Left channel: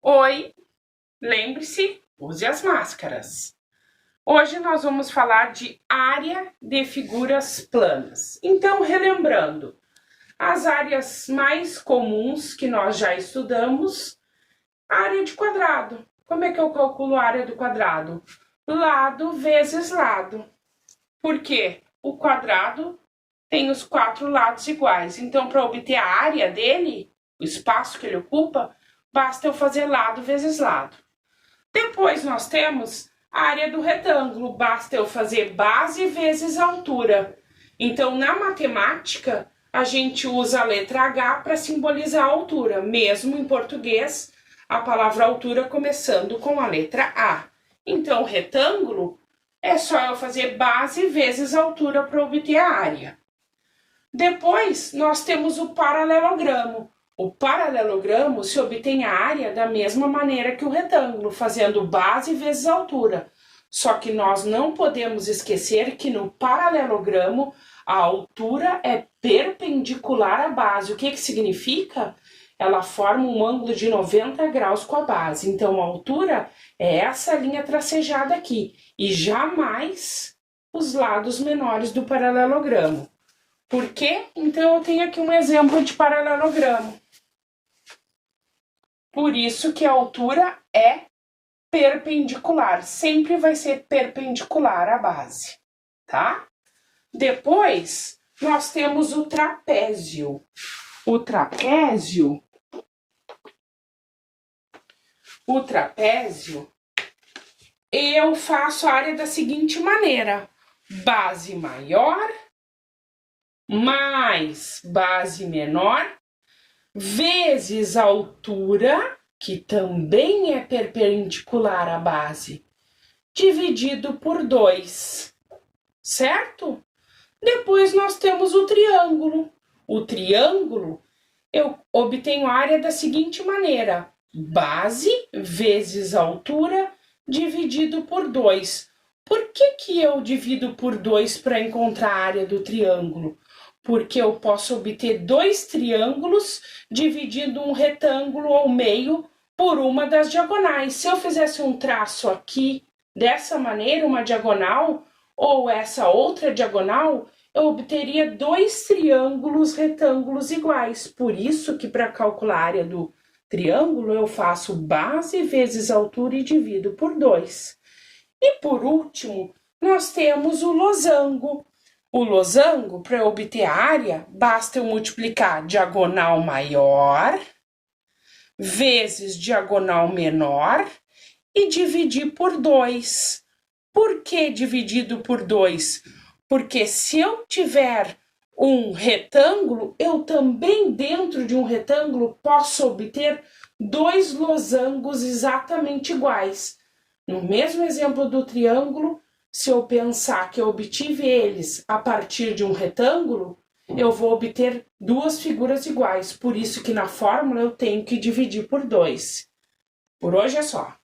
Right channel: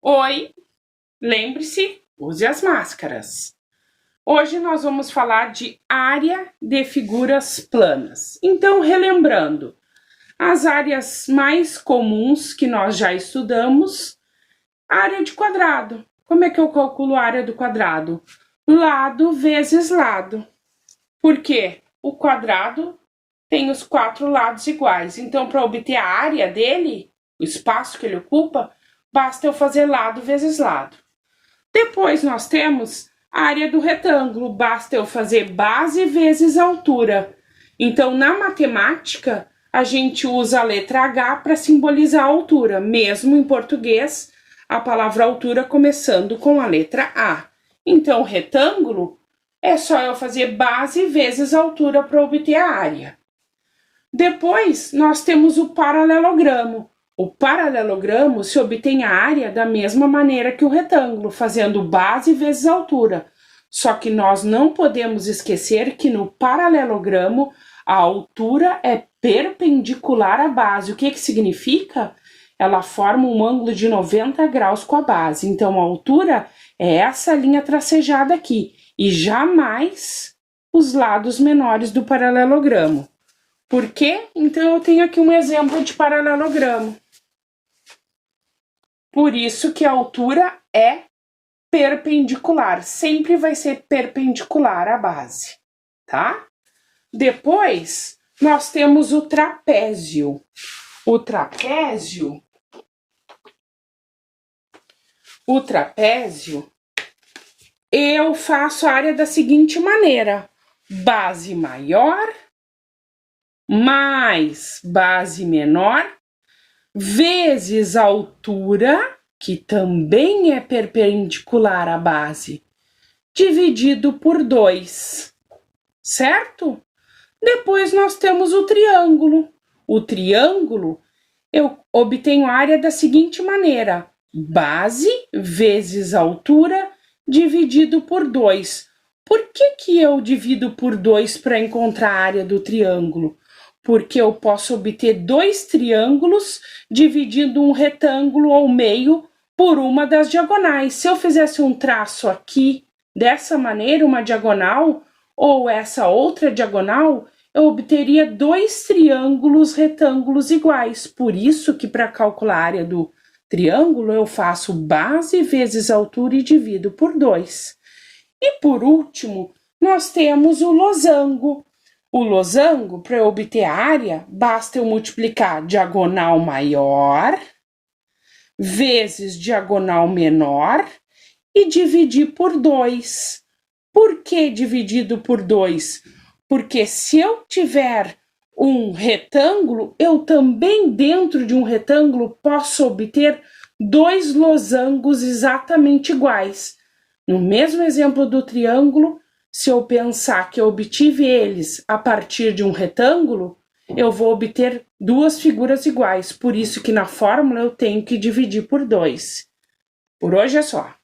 Oi, lembre-se, use as máscaras. Hoje nós vamos falar de área de figuras planas. Então, relembrando, as áreas mais comuns que nós já estudamos, área de quadrado. Como é que eu calculo a área do quadrado? Lado vezes lado. Por quê? O quadrado tem os 4 lados iguais. Então, para obter a área dele, o espaço que ele ocupa, basta eu fazer lado vezes lado. Depois nós temos a área do retângulo, basta eu fazer base vezes altura. Então, na matemática, a gente usa a letra H para simbolizar a altura, mesmo em português, a palavra altura começando com a letra A. Então, retângulo é só eu fazer base vezes altura para obter a área. Depois, nós temos o paralelogramo. O paralelogramo se obtém a área da mesma maneira que o retângulo, fazendo base vezes altura. Só que nós não podemos esquecer que no paralelogramo a altura é perpendicular à base. O que significa? Ela forma um ângulo de 90 graus com a base. Então, a altura é essa linha tracejada aqui e jamais os lados menores do paralelogramo. Por quê? Então, eu tenho aqui um exemplo de paralelogramo. Por isso que a altura é perpendicular, sempre vai ser perpendicular à base, tá? Depois, nós temos o trapézio. O trapézio, eu faço a área da seguinte maneira: base maior mais base menor vezes a altura, que também é perpendicular à base, dividido por 2, certo? Depois nós temos o triângulo. O triângulo, eu obtenho a área da seguinte maneira: base vezes altura dividido por 2. Por que eu divido por 2 para encontrar a área do triângulo? Porque eu posso obter 2 triângulos dividindo um retângulo ao meio por uma das diagonais. Se eu fizesse um traço aqui, dessa maneira, uma diagonal, ou essa outra diagonal, eu obteria 2 triângulos retângulos iguais. Por isso que para calcular a área do triângulo, eu faço base vezes altura e divido por 2. E por último, nós temos o losango. O losango, para eu obter a área, basta eu multiplicar diagonal maior vezes diagonal menor e dividir por 2. Por que dividido por 2? Porque se eu tiver um retângulo, eu também dentro de um retângulo posso obter 2 losangos exatamente iguais. No mesmo exemplo do triângulo, se eu pensar que eu obtive eles a partir de um retângulo, eu vou obter 2 figuras iguais. Por isso que na fórmula eu tenho que dividir por 2. Por hoje é só.